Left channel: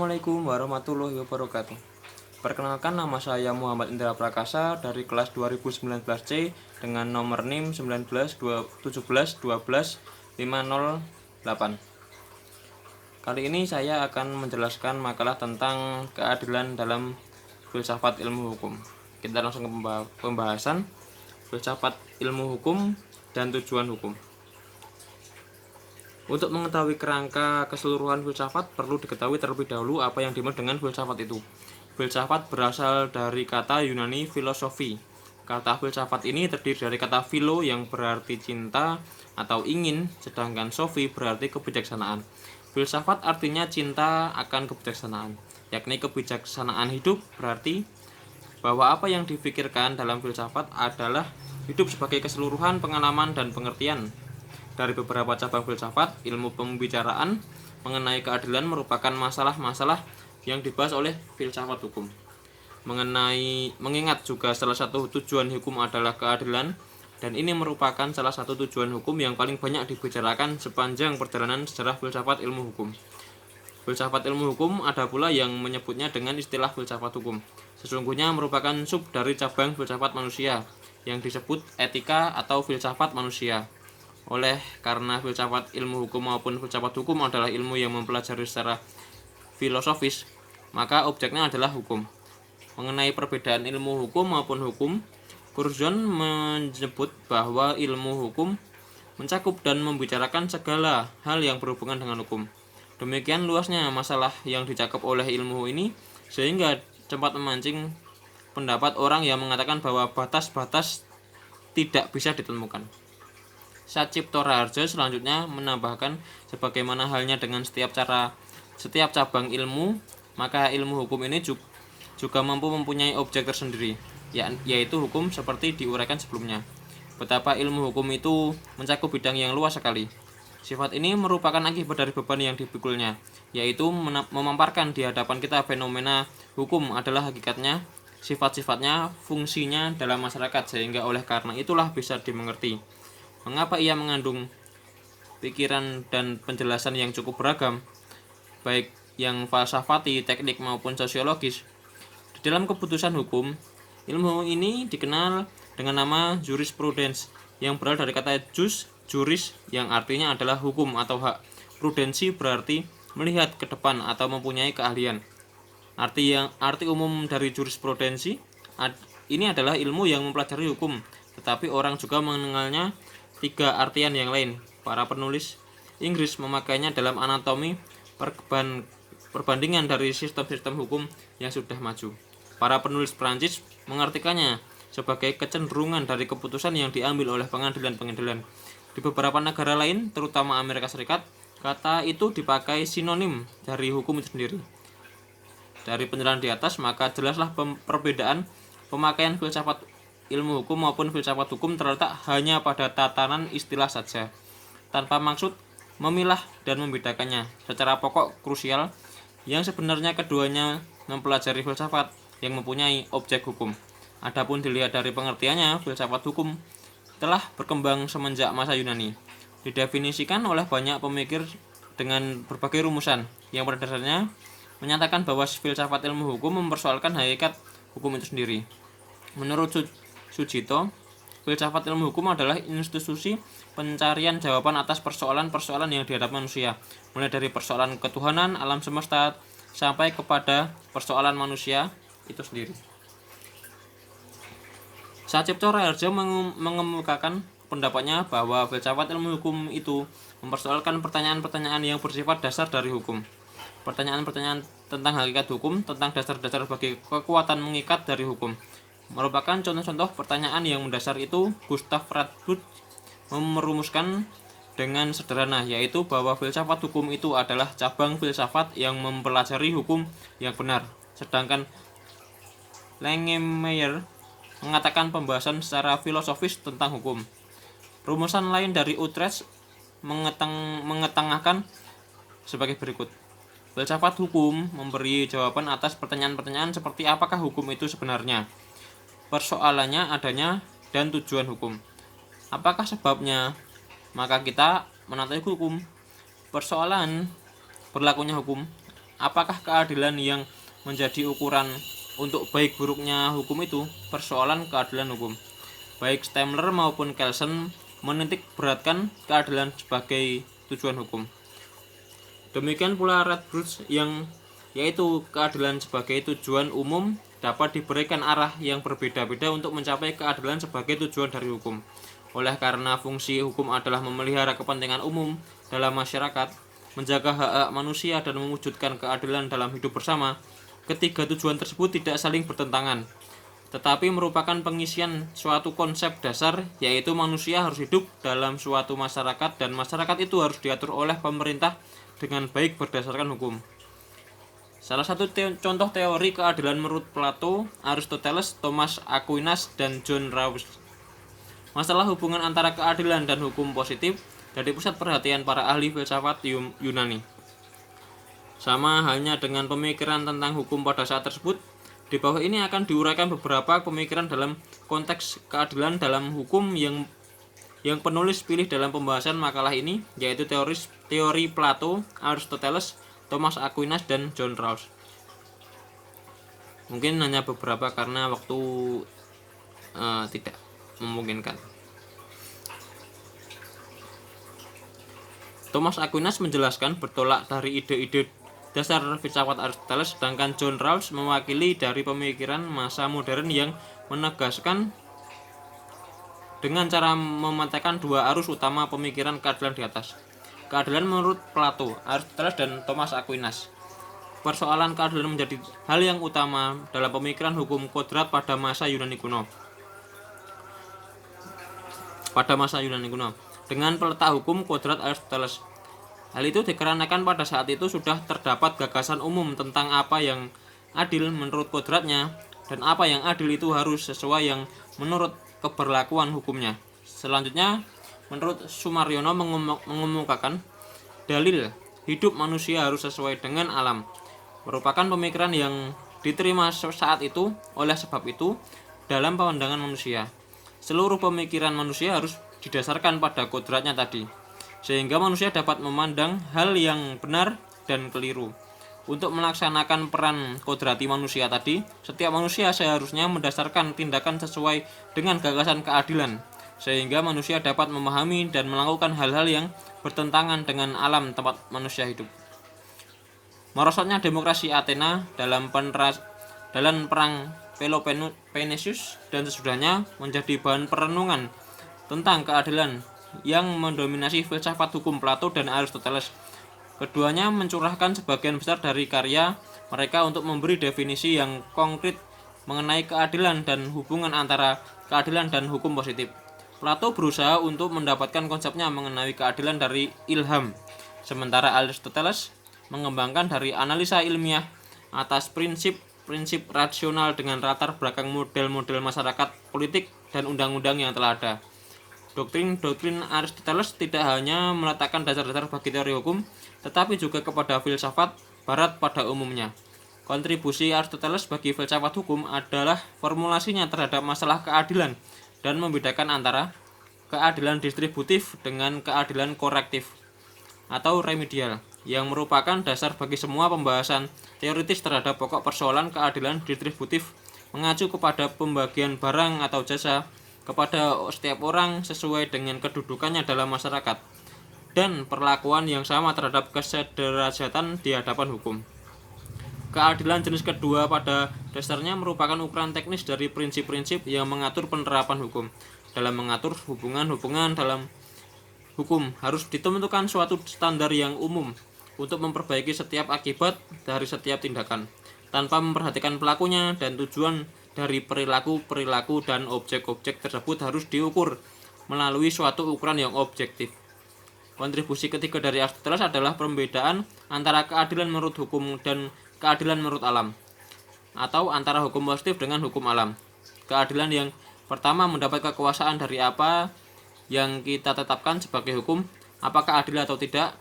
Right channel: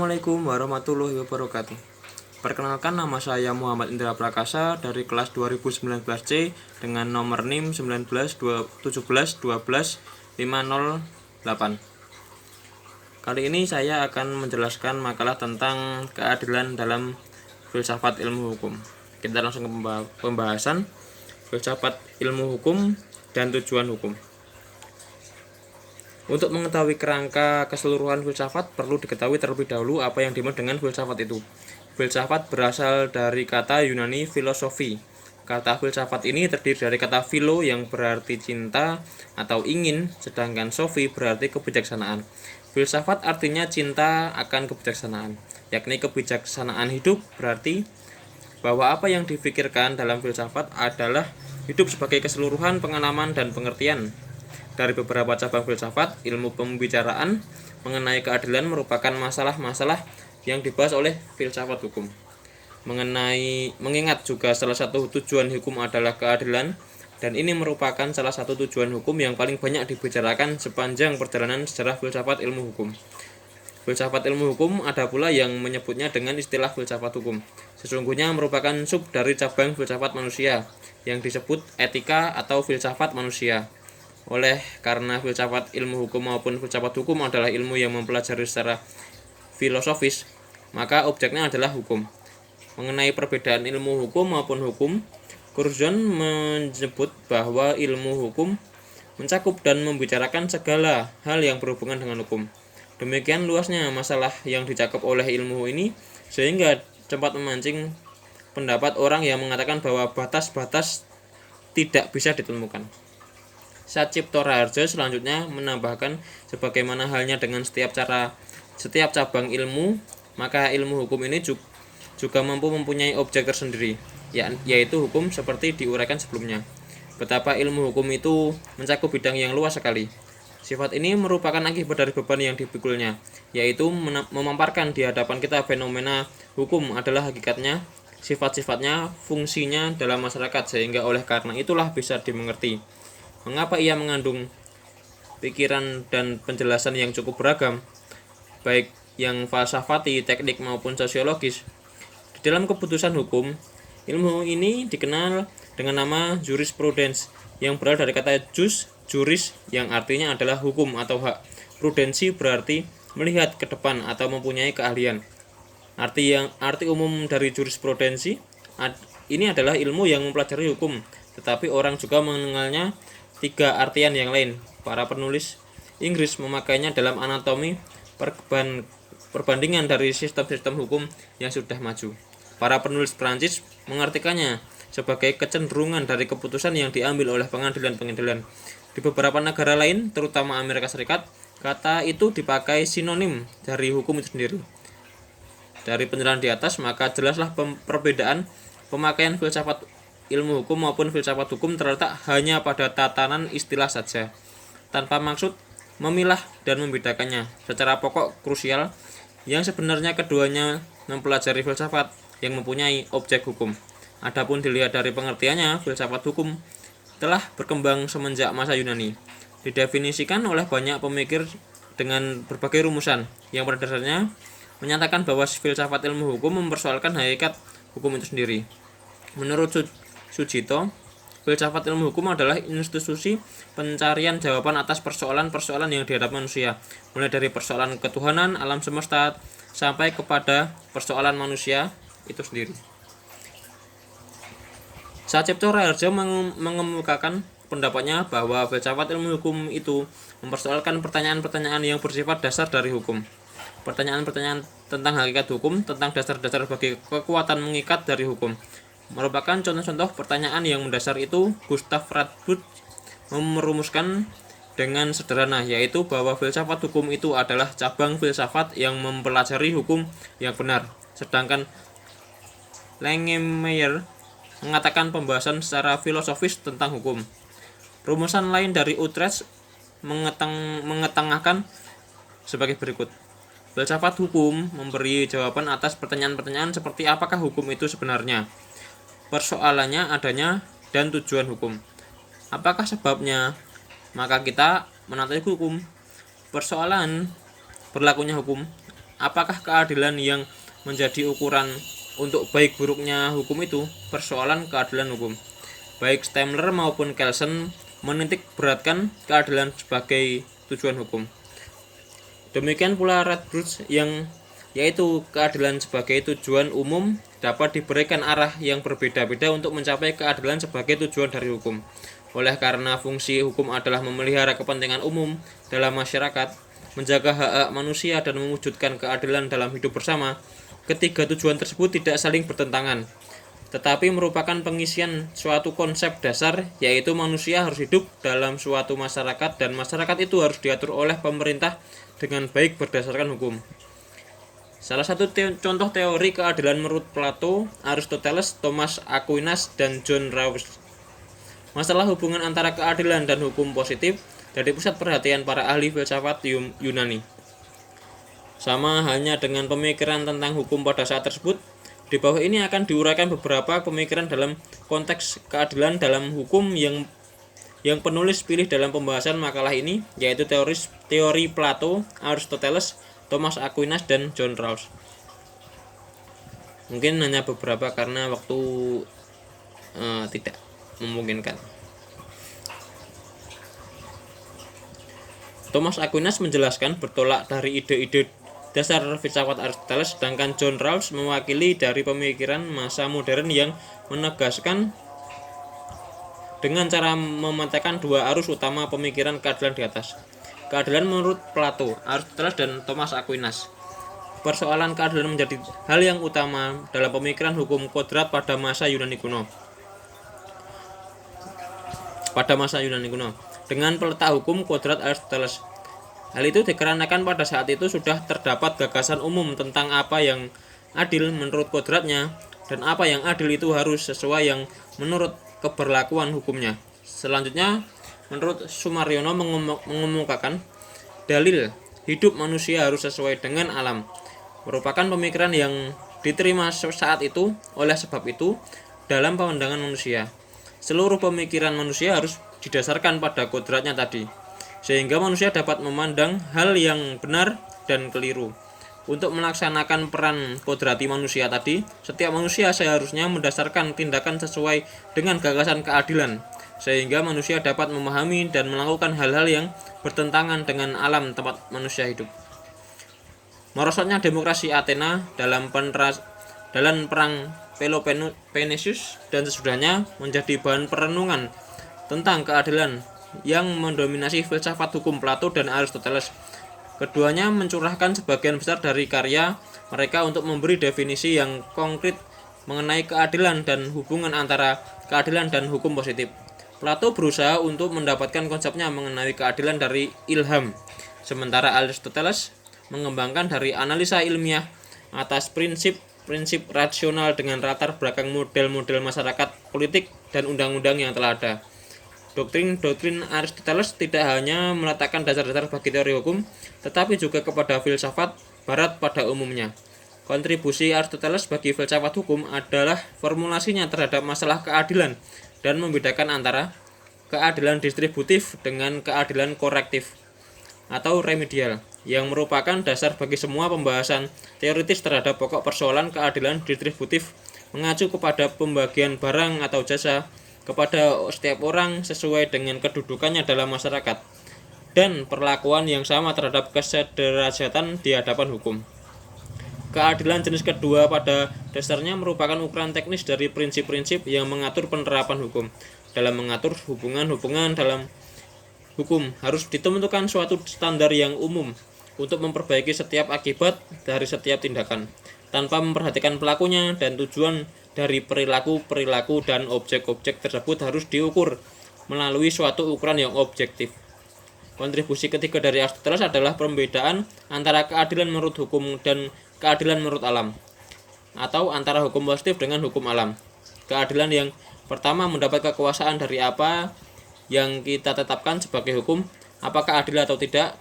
Assalamualaikum warahmatullahi wabarakatuh. Perkenalkan, nama saya Muhammad Indra Prakasa dari kelas 2019C dengan nomor NIM 19-17-12-508. Kali ini saya akan menjelaskan makalah tentang keadilan dalam filsafat ilmu hukum. Kita langsung ke pembahasan filsafat ilmu hukum dan tujuan hukum. Untuk mengetahui kerangka keseluruhan filsafat, perlu diketahui terlebih dahulu apa yang dimaksud dengan filsafat itu. Filsafat berasal dari kata Yunani filosofi. Kata filsafat ini terdiri dari kata philo yang berarti cinta atau ingin, sedangkan sofi berarti kebijaksanaan. Filsafat artinya cinta akan kebijaksanaan, yakni kebijaksanaan hidup, berarti bahwa apa yang difikirkan dalam filsafat adalah hidup sebagai keseluruhan pengalaman dan pengertian. Dari beberapa cabang filsafat, ilmu pembicaraan mengenai keadilan merupakan masalah-masalah yang dibahas oleh filsafat hukum. Mengingat juga salah satu tujuan hukum adalah keadilan, dan ini merupakan salah satu tujuan hukum yang paling banyak dibicarakan sepanjang perjalanan sejarah filsafat ilmu hukum. Filsafat ilmu hukum ada pula yang menyebutnya dengan istilah filsafat hukum. Sesungguhnya merupakan sub dari cabang filsafat manusia yang disebut etika atau filsafat manusia. Oleh karena filsafat ilmu hukum maupun filsafat hukum adalah ilmu yang mempelajari secara filosofis, maka objeknya adalah hukum. Mengenai perbedaan ilmu hukum maupun hukum, Curzon menyebut bahwa ilmu hukum mencakup dan membicarakan segala hal yang berhubungan dengan hukum. Demikian luasnya masalah yang dicakup oleh ilmu ini sehingga cepat memancing pendapat orang yang mengatakan bahwa batas-batas tidak bisa ditemukan. Satcipto Raharjo selanjutnya menambahkan, sebagaimana halnya dengan setiap cabang ilmu, maka ilmu hukum ini juga mampu mempunyai objek tersendiri, yaitu hukum seperti diuraikan sebelumnya. Betapa ilmu hukum itu mencakup bidang yang luas sekali. Sifat ini merupakan akibat dari beban yang dipikulnya, yaitu memaparkan di hadapan kita fenomena hukum adalah hakikatnya, sifat-sifatnya, fungsinya dalam masyarakat, sehingga oleh karena itulah bisa dimengerti mengapa ia mengandung pikiran dan penjelasan yang cukup beragam, baik yang falsafati, teknik maupun sosiologis. Di dalam keputusan hukum, ilmu ini dikenal dengan nama jurisprudence yang berasal dari kata juris yang artinya adalah hukum atau hak. Prudensi berarti melihat ke depan atau mempunyai keahlian. Arti umum dari jurisprudensi ini adalah ilmu yang mempelajari hukum, tetapi orang juga mengenalnya tiga artian yang lain. Para penulis Inggris memakainya dalam anatomi perbandingan dari sistem-sistem hukum yang sudah maju. Para penulis Prancis mengartikannya sebagai kecenderungan dari keputusan yang diambil oleh pengadilan-pengadilan. Di beberapa negara lain, terutama Amerika Serikat, kata itu dipakai sinonim dari hukum itu sendiri. Dari penjelasan di atas, maka jelaslah perbedaan pemakaian filsafat ilmu hukum maupun filsafat hukum terletak hanya pada tatanan istilah saja, tanpa maksud memilah dan membedakannya. Secara pokok krusial, yang sebenarnya keduanya mempelajari filsafat yang mempunyai objek hukum. Adapun dilihat dari pengertiannya, filsafat hukum telah berkembang semenjak masa Yunani. Didefinisikan oleh banyak pemikir dengan berbagai rumusan, yang pada dasarnya menyatakan bahwa filsafat ilmu hukum mempersoalkan hakikat hukum itu sendiri. Menurut Sujito, filsafat ilmu hukum adalah institusi pencarian jawaban atas persoalan-persoalan yang dihadapi manusia, mulai dari persoalan ketuhanan, alam semesta, sampai kepada persoalan manusia itu sendiri. Satcipto Raharjo mengemukakan pendapatnya bahwa filsafat ilmu hukum itu mempersoalkan pertanyaan-pertanyaan yang bersifat dasar dari hukum. Pertanyaan-pertanyaan tentang hakikat hukum, tentang dasar-dasar bagi kekuatan mengikat dari hukum. Merupakan contoh-contoh pertanyaan yang mendasar itu Gustav Radbud merumuskan dengan sederhana, yaitu bahwa filsafat hukum itu adalah cabang filsafat yang mempelajari hukum yang benar, sedangkan Langemeyer mengatakan pembahasan secara filosofis tentang hukum. Rumusan lain dari Utrecht mengetengahkan sebagai berikut. Filsafat hukum memberi jawaban atas pertanyaan-pertanyaan seperti apakah hukum itu sebenarnya, persoalannya adanya, dan tujuan hukum. Apakah sebabnya? Maka kita menaati hukum. Persoalan berlakunya hukum. apakah keadilan yang menjadi ukuran untuk baik buruknya hukum itu? Persoalan keadilan hukum. Baik Stemler maupun Kelsen menitik beratkan keadilan sebagai tujuan hukum. Demikian pula Radbruch yang yaitu keadilan sebagai tujuan umum dapat diberikan arah yang berbeda-beda untuk mencapai keadilan sebagai tujuan dari hukum. Oleh karena fungsi hukum adalah memelihara kepentingan umum dalam masyarakat, menjaga hak-hak manusia dan mewujudkan keadilan dalam hidup bersama, ketiga tujuan tersebut tidak saling bertentangan, tetapi merupakan pengisian suatu konsep dasar, yaitu manusia harus hidup dalam suatu masyarakat dan masyarakat itu harus diatur oleh pemerintah dengan baik berdasarkan hukum. Salah satu contoh teori keadilan menurut Plato, Aristoteles, Thomas Aquinas, dan John Rawls. Masalah hubungan antara keadilan dan hukum positif jadi pusat perhatian para ahli filsafat Yunani. Sama halnya dengan pemikiran tentang hukum pada saat tersebut, di bawah ini akan diuraikan beberapa pemikiran dalam konteks keadilan dalam hukum yang penulis pilih dalam pembahasan makalah ini, yaitu teori Plato, Aristoteles, Thomas Aquinas, dan John Rawls. Mungkin hanya beberapa karena waktu tidak memungkinkan. Thomas Aquinas menjelaskan bertolak dari ide-ide dasar filsafat Aristoteles, sedangkan John Rawls mewakili dari pemikiran masa modern yang menegaskan dengan cara memetakan dua arus utama pemikiran keadilan di atas. Keadilan menurut Plato, Aristoteles, dan Thomas Aquinas. Persoalan keadilan menjadi hal yang utama dalam pemikiran hukum kodrat pada masa Yunani kuno. Dengan peletak hukum kodrat Aristoteles. Hal itu dikarenakan pada saat itu sudah terdapat gagasan umum tentang apa yang adil menurut kodratnya dan apa yang adil itu harus sesuai yang menurut keberlakuan hukumnya. Selanjutnya, menurut Sumaryono mengemukakan dalil hidup manusia harus sesuai dengan alam, merupakan pemikiran yang diterima saat itu. Oleh sebab itu, dalam pandangan manusia, seluruh pemikiran manusia harus didasarkan pada kodratnya tadi, sehingga manusia dapat memandang hal yang benar dan keliru. Untuk melaksanakan peran kodrati manusia tadi, setiap manusia seharusnya mendasarkan tindakan sesuai dengan gagasan keadilan, sehingga manusia dapat memahami dan melakukan hal-hal yang bertentangan dengan alam tempat manusia hidup. Merosotnya demokrasi Athena dalam perang Peloponnesus dan sesudahnya menjadi bahan perenungan tentang keadilan yang mendominasi filsafat hukum Plato dan Aristoteles. Keduanya mencurahkan sebagian besar dari karya mereka untuk memberi definisi yang konkret mengenai keadilan dan hubungan antara keadilan dan hukum positif. Plato berusaha untuk mendapatkan konsepnya mengenai keadilan dari ilham, sementara Aristoteles mengembangkan dari analisa ilmiah atas prinsip-prinsip rasional dengan latar belakang model-model masyarakat, politik, dan undang-undang yang telah ada. Doktrin Aristoteles tidak hanya meletakkan dasar-dasar bagi teori hukum, tetapi juga kepada filsafat barat pada umumnya. Kontribusi Aristoteles bagi filsafat hukum adalah formulasinya terhadap masalah keadilan dan membedakan antara keadilan distributif dengan keadilan korektif atau remedial, yang merupakan dasar bagi semua pembahasan teoritis terhadap pokok persoalan keadilan distributif, mengacu kepada pembagian barang atau jasa kepada setiap orang sesuai dengan kedudukannya dalam masyarakat dan perlakuan yang sama terhadap kesederajatan di hadapan hukum. Keadilan jenis kedua pada dasarnya merupakan ukuran teknis dari prinsip-prinsip yang mengatur penerapan hukum. Dalam mengatur hubungan-hubungan dalam hukum harus ditentukan suatu standar yang umum untuk memperbaiki setiap akibat dari setiap tindakan, tanpa memperhatikan pelakunya, dan tujuan dari perilaku-perilaku dan objek-objek tersebut harus diukur melalui suatu ukuran yang objektif. Kontribusi ketiga dari Aristoteles adalah pembedaan antara keadilan menurut hukum dan keadilan menurut alam, atau antara hukum positif dengan hukum alam. Keadilan yang pertama mendapat kekuasaan dari apa yang kita tetapkan sebagai hukum, apakah adil atau tidak,